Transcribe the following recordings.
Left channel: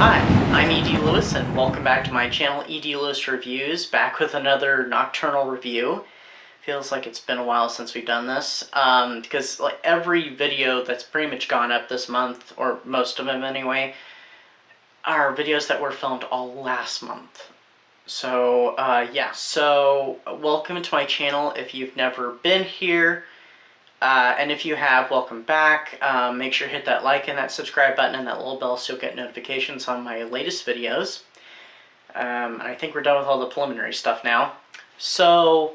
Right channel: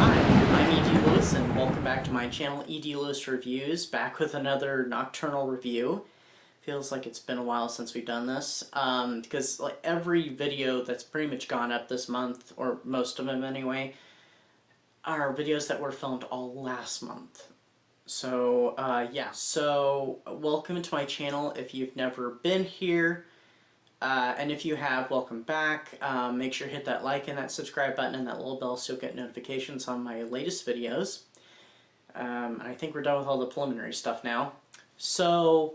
Hi, I'm E.D. Lewis, and welcome back to my channel, E.D. Lewis Reviews, back with another nocturnal review. Feels like it's been a while since we've done this, because like every video that's pretty much gone up this month, or most of them anyway, are videos that were filmed all last month. So, yeah, so welcome to my channel if you've never been here. And if you have, welcome back. Make sure to hit that like and that subscribe button and that little bell so you'll get notifications on my latest videos. I think we're done with all the preliminary stuff now. So,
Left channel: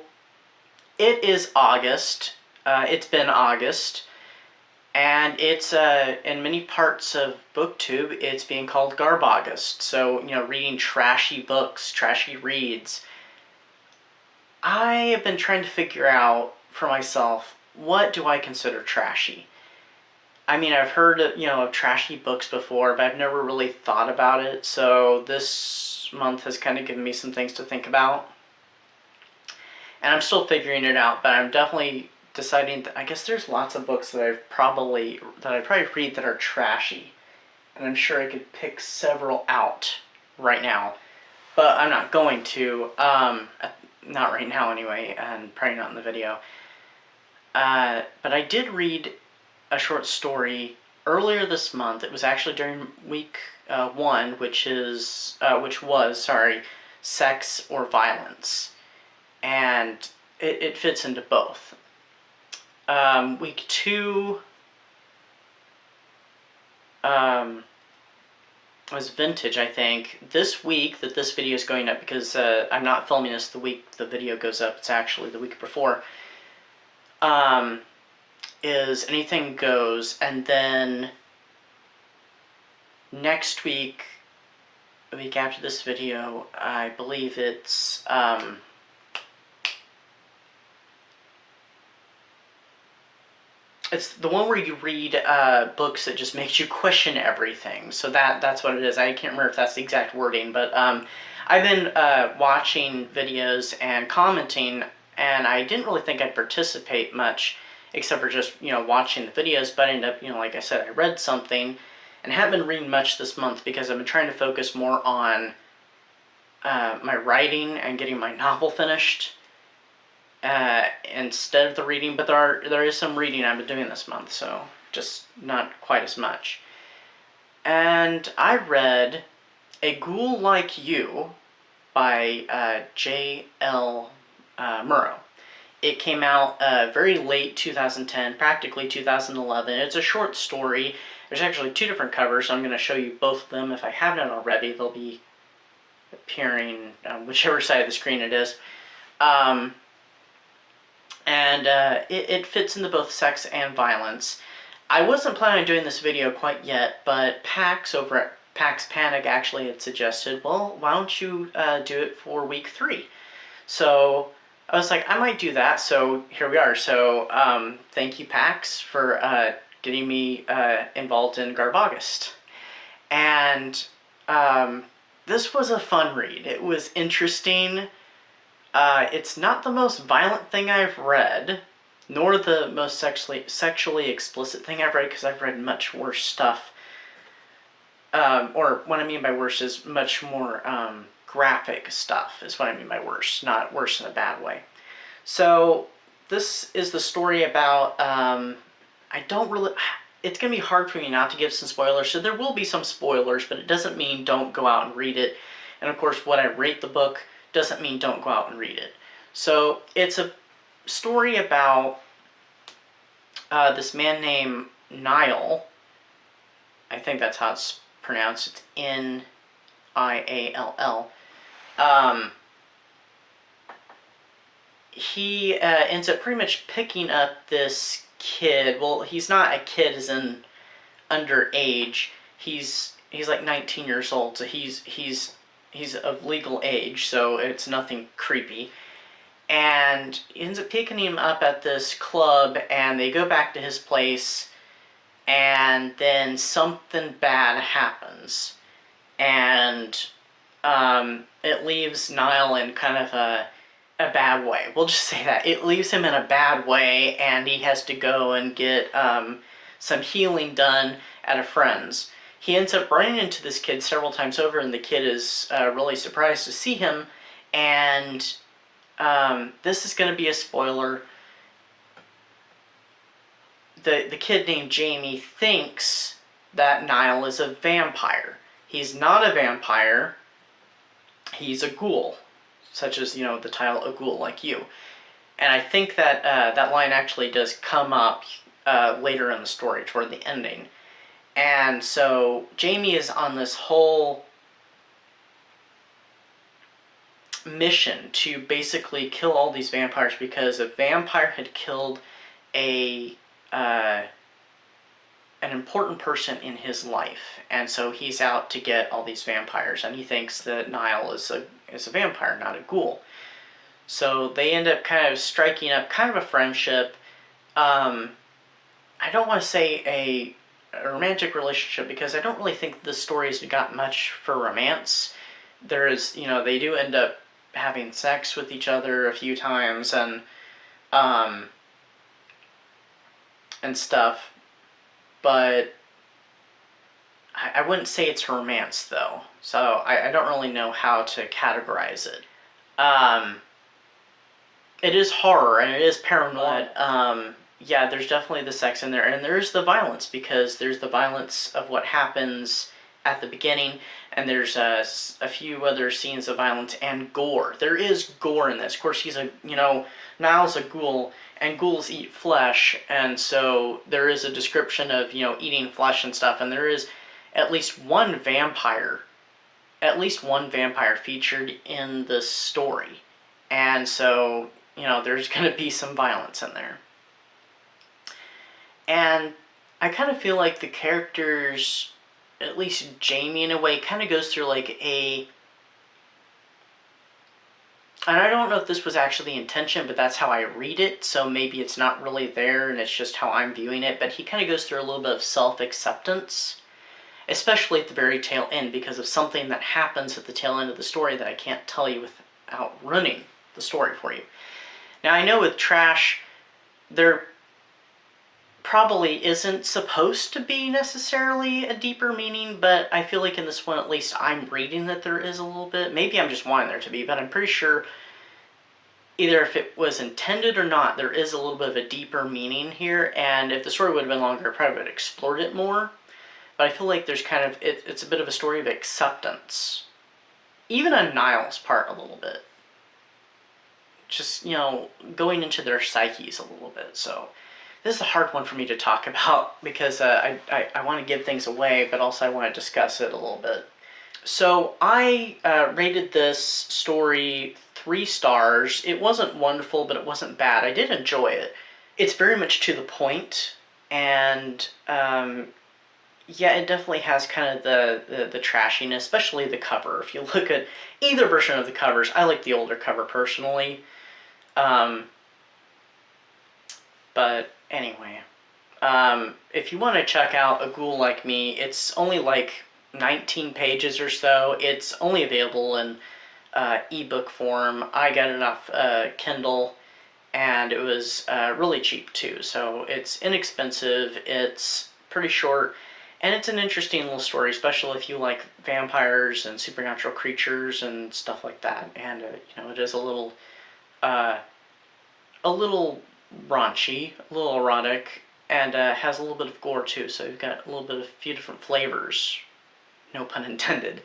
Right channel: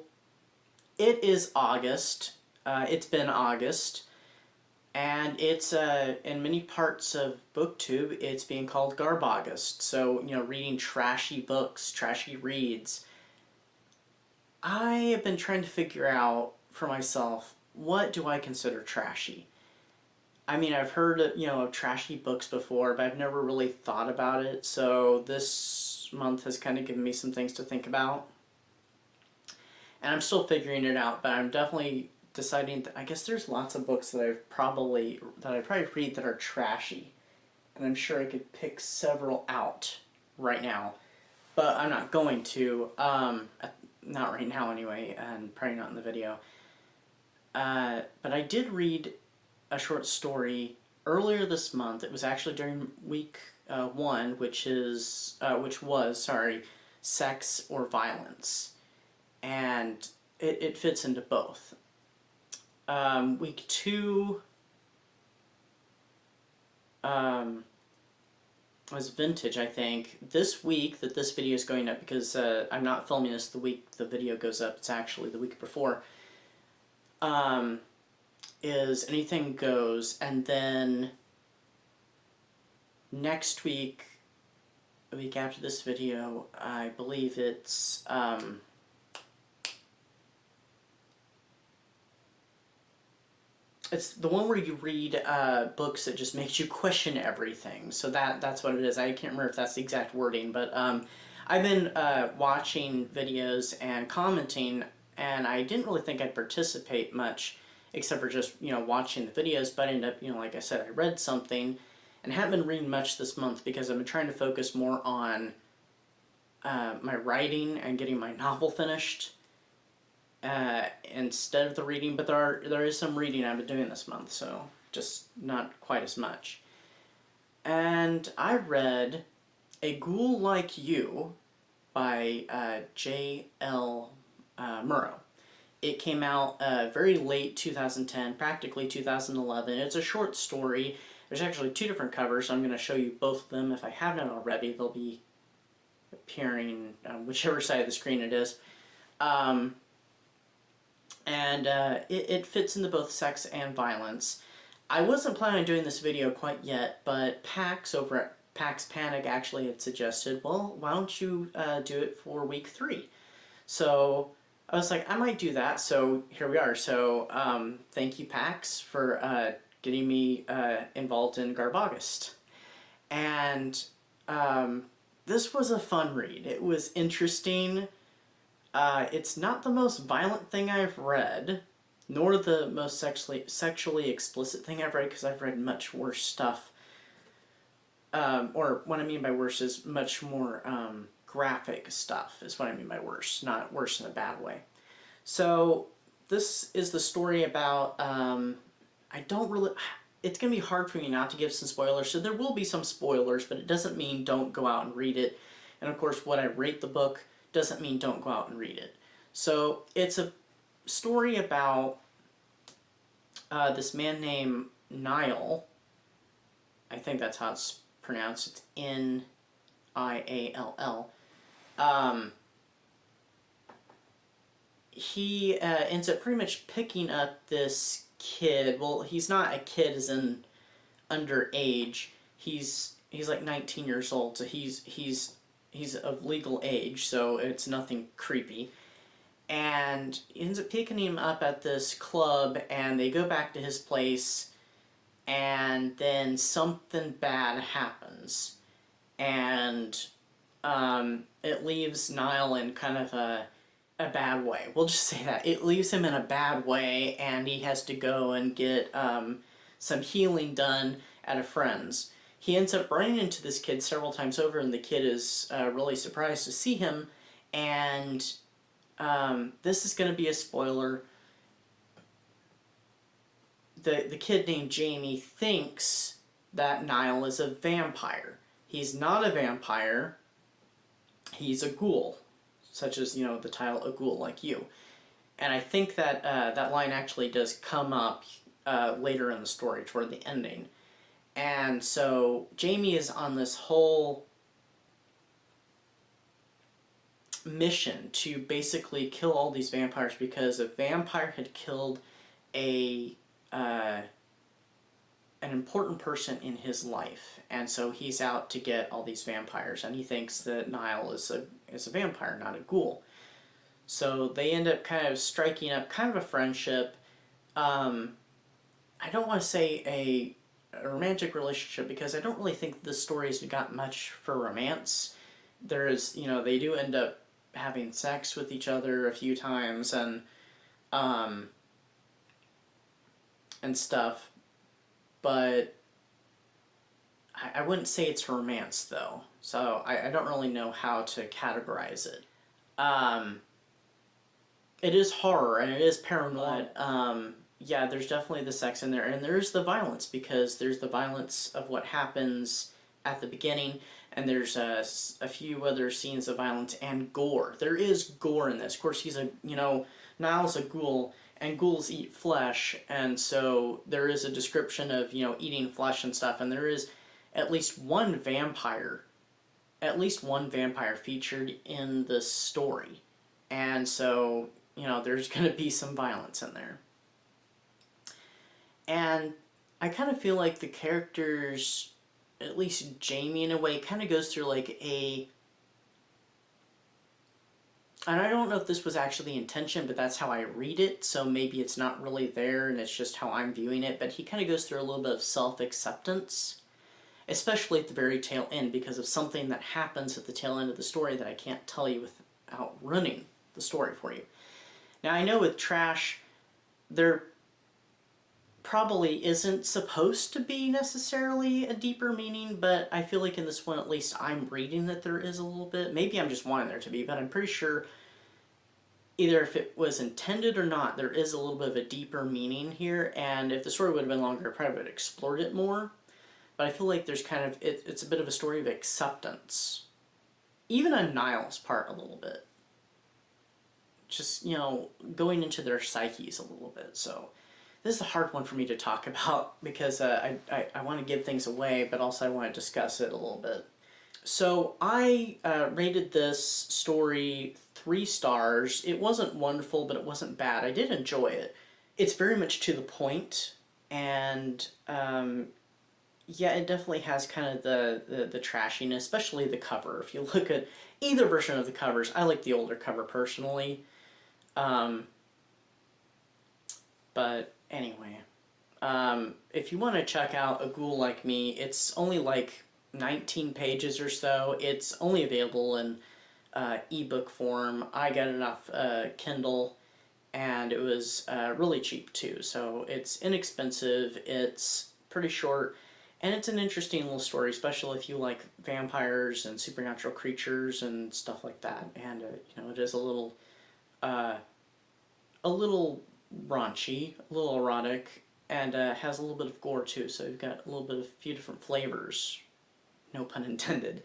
it is August. It's been August. And it's, in many parts of BookTube, it's being called Garbaugust. So, you know, reading trashy books, trashy reads. I have been trying to figure out for myself, what do I consider trashy? I mean, I've heard, of trashy books before, but I've never really thought about it, so this month has kind of given me some things to think about. And I'm still figuring it out, but I'm definitely deciding that I guess there's lots of books that I'd probably read that are trashy. And I'm sure I could pick several out right now, but I'm not going to. Not right now anyway, and probably not in the video. But I did read a short story earlier this month. It was actually during week 1, which was sex or violence, and it fits into both. Week 2 was vintage, I think. This week that this video is going up, because I'm not filming this the week the video goes up, it's actually the week before, is Anything Goes, and then next week, the week after this video, I believe it's, it's the one where you read books that just makes you question everything. So that's what it is. I can't remember if that's the exact wording, but I've been watching videos and commenting, and I didn't really think I'd participate much, except for just, watching the videos, but I ended up, like I said, I read something, and haven't been reading much this month because I've been trying to focus more on my writing and getting my novel finished instead of the reading, but there is some reading I've been doing this month, so just not quite as much. And I read A Ghoul Like You by J.L. Merrow. It came out very late 2010, practically 2011. It's a short story. There's actually 2 different covers, so I'm going to show you both of them. If I haven't already, they'll be appearing on whichever side of the screen it is. It fits into both sex and violence. I wasn't planning on doing this video quite yet, but Pax over at Pax Panic actually had suggested, well, why don't you do it for week 3? So I was like, I might do that, so here we are. So thank you, Pax, for getting me involved in Garbaugust. And this was a fun read. It was interesting. It's not the most violent thing I've read, nor the most sexually explicit thing I've read, because I've read much worse stuff. Or what I mean by worse is much more graphic stuff, is what I mean by worse, not worse in a bad way. So this is the story about, it's going to be hard for me not to give some spoilers, so there will be some spoilers, but it doesn't mean don't go out and read it. And of course, what I rate the book doesn't mean don't go out and read it. So it's a story about this man named Niall. I think that's how it's pronounced. It's N-I-A-L-L. He ends up pretty much picking up this kid. Well, he's not a kid as in underage. He's like 19 years old, so he's of legal age, so it's nothing creepy. And he ends up picking him up at this club, and they go back to his place, and then something bad happens. And it leaves Niall in kind of a bad way. We'll just say that. It leaves him in a bad way, and he has to go and get some healing done at a friend's. he ends up running into this kid several times over, and the kid is really surprised to see him. And this is going to be a spoiler. The kid named Jamie thinks that Niall is a vampire. He's not a vampire. He's a ghoul, such as, you know, the title, A Ghoul Like You. And I think that that line actually does come up later in the story, toward the ending. And so Jamie is on this whole mission to basically kill all these vampires because a vampire had killed an important person in his life, and so he's out to get all these vampires, and he thinks that Niall is a vampire, not a ghoul. So they end up kind of striking up kind of a friendship. I don't want to say a romantic relationship because I don't really think the story's got much for romance. There is, you know, they do end up having sex with each other a few times and stuff, but I wouldn't say it's romance though. So I don't really know how to categorize it. It is horror and it is paranormal. But, yeah, there's definitely the sex in there, and there's the violence, because there's the violence of what happens at the beginning, and there's a few other scenes of violence and gore. There is gore in this. Of course, he's Niall's a ghoul, and ghouls eat flesh, and so there is a description of, you know, eating flesh and stuff, and there is at least one vampire featured in the story, and so, you know, there's going to be some violence in there. And I kind of feel like the characters, at least Jamie in a way, kind of goes through like and I don't know if this was actually the intention, but that's how I read it, so maybe it's not really there and it's just how I'm viewing it, but he kind of goes through a little bit of self-acceptance, especially at the very tail end, because of something that happens at the tail end of the story that I can't tell you without ruining the story for you. Now, I know with Trash, there probably isn't supposed to be necessarily a deeper meaning, but I feel like in this one, at least, I'm reading that there is a little bit. Maybe I'm just wanting there to be, but I'm pretty sure either if it was intended or not, there is a little bit of a deeper meaning here, and if the story would have been longer, I probably would have explored it more. But I feel like there's kind of, it's a bit of a story of acceptance. Even on Niall's part a little bit. Just, you know, going into their psyches a little bit, so this is a hard one for me to talk about because I want to give things away, but also I want to discuss it a little bit. So I rated this story 3 stars. It wasn't wonderful, but it wasn't bad. I did enjoy it. It's very much to the point, and yeah, it definitely has kind of the trashiness, especially the cover. If you look at either version of the covers, I like the older cover personally. But anyway, if you want to check out A Ghoul Like Me, it's only like 19 pages or so. It's only available in ebook form. I got it off Kindle, and it was really cheap too. So it's inexpensive, it's pretty short, and it's an interesting little story, especially if you like vampires and supernatural creatures and stuff like that. And you know, it is a little raunchy, a little erotic, and has a little bit of gore too, so you've got a few different flavors, no pun intended,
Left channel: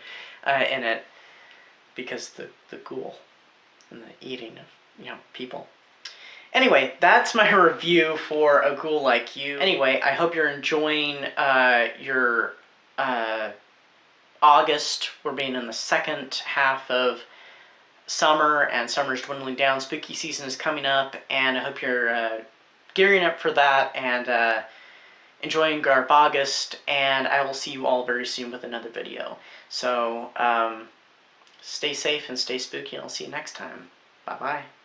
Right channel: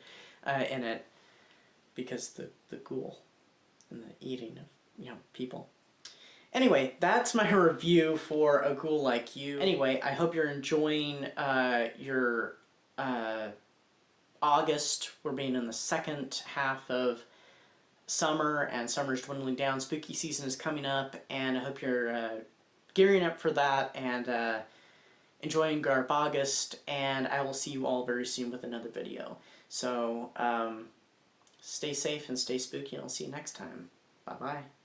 in it, because the ghoul and the eating of, you know, people. Anyway, that's my review for A Ghoul Like You. Anyway, I hope you're enjoying your August. We're being in the second half of summer, and summer's dwindling down. Spooky season is coming up, and I hope you're gearing up for that and enjoying Garbaugust, and I will see you all very soon with another video. So, stay safe and stay spooky, and I'll see you next time. Bye-bye.